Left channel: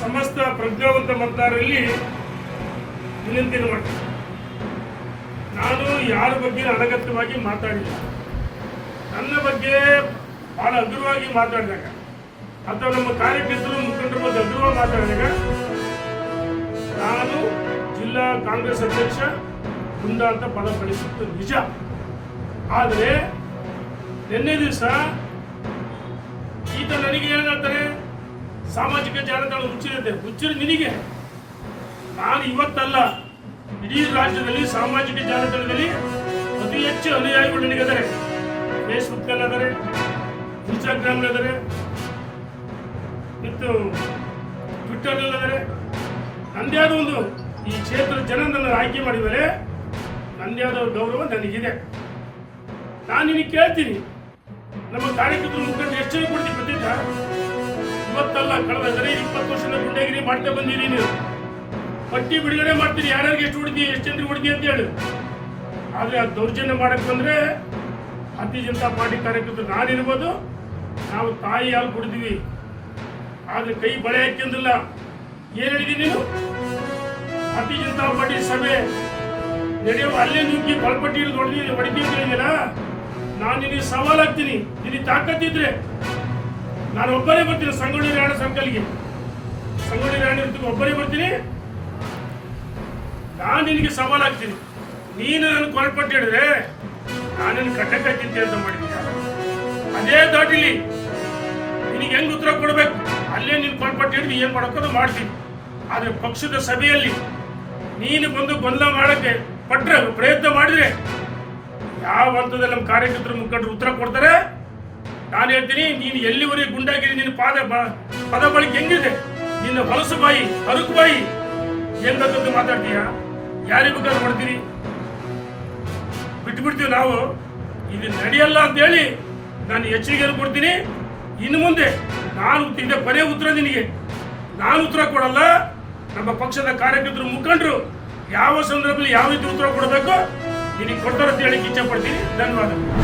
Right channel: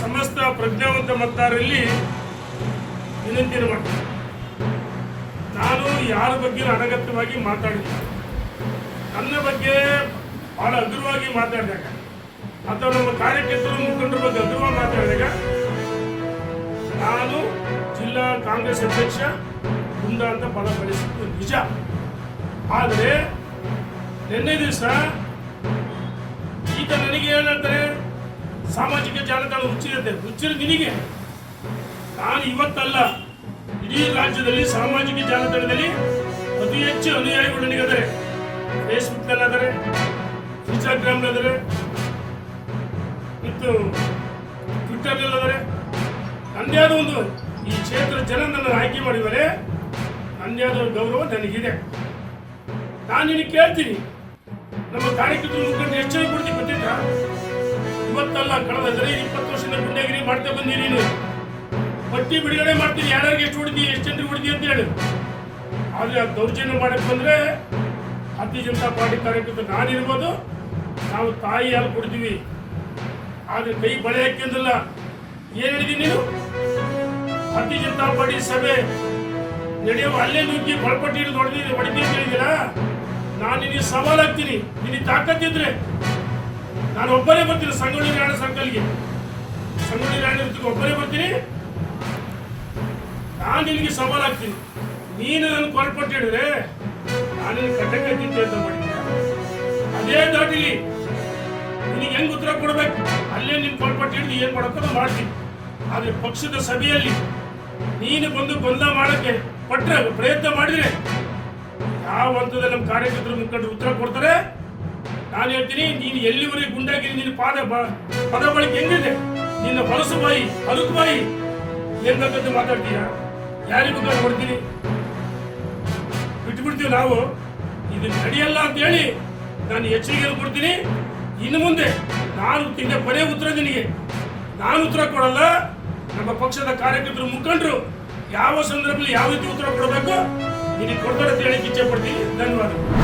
ಸಮಸ್ತ ಪ್ರಜ್ಞಾವಂತ ಮತದಾರರಲ್ಲಿ ವಿನಂತಿಯನ್ನು ಮಾಡ್ತೀನಿ. ನಾನು ಯಾರ ಬಗ್ಗೆ ಅನಗತ್ಯವಾಗಿ ಮಾತಾಡಿಲ್ಲ. ನನ್ನ ಬಗ್ಗೆ ಬಹಳ ಹಗುರವಾಗಿ ಮಾತಾಡಿದಾಗ ಅಥವಾ ನಮ್ಮ ಕಾರ್ಯಕರ್ತರು ಮುಖಂಡರ ಬಗ್ಗೆ ಹಗುರವಾಗಿ ಮಾತಾಡಿದಾಗ ನಾನು ಜಿಲ್ಲಾ ಕಾಂಗ್ರೆಸ್ ಅಧ್ಯಕ್ಷ ಗುಂಡ ಅಂತ ಪದ ಬಳಸಿದ್ದು ನಿಜ. ಆದರೆ ನಿನ್ನೆ ದಿವಸ ಈತ ನನಗೆ ಏನಂತಾರೆ, ಸಾಮಾಜಿಕ ಜಾಲತಾಣ ಹುಚ್ಚಿರ ನಿನಗೆ. ನಾನು ಇವತ್ತಲ್ಲ, ಇಡೀ ರಾಜ್ಯದಲ್ಲಿ ಸಾಮಾಜಿಕ ಜಾಲತಾಣದಲ್ಲಿ ಅತಿ ಹೆಚ್ಚು ಅನುಯಾಯಿಗಳು ನನಗಿದ್ದಾರೆ. ಫೇಸ್ಬುಕ್ನಲ್ಲಿ ಆದರೆ, ಇನ್ಸ್ಟಾಗ್ರಾಮ್ನಲ್ಲಿ ಆದರೆ, ಮತ್ತು ಟ್ವಿಟ್ಟರ್ನಲ್ಲಿ ಆದರೆ. ನನ್ನದೇ ಆದ ಒಂದು ಈ ಕ್ಷೇತ್ರದ ಜನ ನನ್ನ ಆಯ್ಕೆ ಮಾಡಿದರೆ ನನ್ನದೇ ಆದ ಗೌರವ ನನಗಿದೆ. ನಾನು ನಿನಗೆ ಕೇಳ್ತೀನಿ, ನಮ್ಮ ಕಾರ್ಯಕರ್ತರು ಮುಖಂಡರು ಎಷ್ಟು ಜನ ಕೊಡ್ತೀವಿ ಗೊತ್ತಿದ್ದ? ಇವತ್ತಲ್ಲ, ಕಳೆದ 20 ವರ್ಷದ ಗುಂಡಾಗಿರಿ ಮಾಡ್ತಾ ಬಂದಿರಿ. ನೀವು ಪಟ್ಟಿ ಬಿಡುಗಡೆ ಮಾಡ್ತೀರಿ, ಯಾರ್ಯಾರಿಗೆ ಎಷ್ಟು ಹೊಡಿದಿ, ಎಷ್ಟು ಜನರಿಗೆ ಹೊಡಿದಿ ಅಂತ ಹೇಳಿ. ಆದರೆ ಆ ದೌರ್ಜನ್ಯ ಮಾಡಕ್ಕೆ ಬಂದರೆ ಭಾರತೀಯ ಜನತಾ ಪಾರ್ಟಿ ಕಾರ್ಯಕರ್ತರು ನಾನಿರ್ಬೋದು, ನಾವು ತಾಯಿ ಹಾಲು ಕೊಡ್ತೀವಿ. ಆದರೆ ಕೈ ಬಳೆ ಹಾಕಿಂದಿಲ್ಲ. ಏನು ಹೇಳಿದ್ದೀನಿ ನೀನು? ಭಾರತೀಯ ಜನತಾ ಪಾರ್ಟಿ ಸಭೆ ನಡೆಯುವ ಅಲ್ಲೇ ನುಗ್ಗಿ ಬಳಪಟ್ಟಿ ಹಿಡಿದು ಹೊಡಿದಿ ಅಂತ ಹೇಳಿದಿಲ್ಲ. ನಾನು ನಿನಗೆ ಸವಾಲಾಗ್ತೀನಿ. ನಿನಗೆ ತಾಕತ್ತಿದ್ರೆ ನಾನು ಒಬ್ಬರೇ ಬರ್ತೀನಿ. ಸಂಗೊಳ್ಳಿ ರಾಯಣ್ಣ ಸರ್ಕಲ್ಗೆ, ಸಂಗೊಳ್ಳಿ ರಾಯಣ್ಣ ಒಬ್ಬರೇ ಬರ್ತೀನಿ. ನಾನು ನಿನಗೆ ಸವಾಲಾಗ್ತೀನಿ. ನೀನು ನನ್ನ ಕೊಲ್ಪಟ್ಟು ಹೇಳಿದ್ರೆ ನಾನೇನು ಕಟ್ಟಕ್ಕೆ ಹಾಕಿದ್ದೆ ಅಂತ ಮಾಡಿದ್ದೆ. ಅದೇ ದಾಟಿಲಿ ನಿನಗೆ ಹೆಂಗೆ ಉತ್ತರ ಕೊಡಬೇಕು ಅಲ್ಲೇ ನೀನು ಕೊಲ್ಪಟ್ಟು ಹಿಡಿದು ಏನು ಮಾಡೋಕ್ಕೋ ಮಾಡ್ತೀನಿ. ಆದರೆ ಪಕ್ಷದ ಸಭೆಯಲ್ಲಿ ನೀನು ಬಂದು ಗೊಂದಲ ಮಾಡೋಕ್ಕೆ ಪಟ್ರೆ ಪ್ರಯತ್ನ ಮಾಡಿದ್ರೆ ಯಾವ ಹಂತದಲ್ಲಿ ನಮ್ಮ ಕಾರ್ಯಕರ್ತರು ಮುಖಂಡರು ಉತ್ತರ ಕೊಡ್ತಾರೆ. ನಾನು ಹೇಳ್ತೀನಿ, ನೀನು ಎಲ್ಲಿವರೆಗೆ ಗುಂಡಾಗಿರಿ, ನಿನ್ನ ಪದ ಬಳಕೆ ಹೆಂಗಿದೆ, ನಿನ್ನ ಹೊಲಸು ಬಾಯಿ, ಅರುಕು ಬಾಯಿ ಏನ್ ಬೇಕಂತ ಮಾತಾಡ್ತೀಯ? ಯಾರಿಗೆ ಬೇಕಾದ್ರೂ ಹೊಡ್ತೀರಿ, ಬಿಟ್ಬಿಡ್ತೀವಿ ನಾವು. ಇದು ನಡೆಯಲ್ಲ ಅಂತ ಹೇಳಿ ನಾನು ಎಚ್ಚರಿಕೆಯನ್ನು ಕೊಡ್ತೀನಿ. ಇನ್ನು ಮುಂದೆ ನಾನು ಕೊನೆ ಉತ್ತರ ನಿನಗೆ ನಾನು ಉತ್ತರ ಕೊಡಲ್ಲ. ನಮ್ಮ ಪಕ್ಷದ ಕಾರ್ಯಕರ್ತರು ಮುಖಂಡರು ಯಾವ ಸಂದರ್ಭದಲ್ಲಿ ಯಾವ ರೀತಿ ಉತ್ತರ ಕೊಡಬೇಕು ನಿನಗೆ ಕೊಡ್ತಾರೆ ಅಂತ ಹೇಳಿ ಇಚ್ಛೆ ಪಡ್ತೀನಿ. ಧನ್ಯವಾದಗಳು.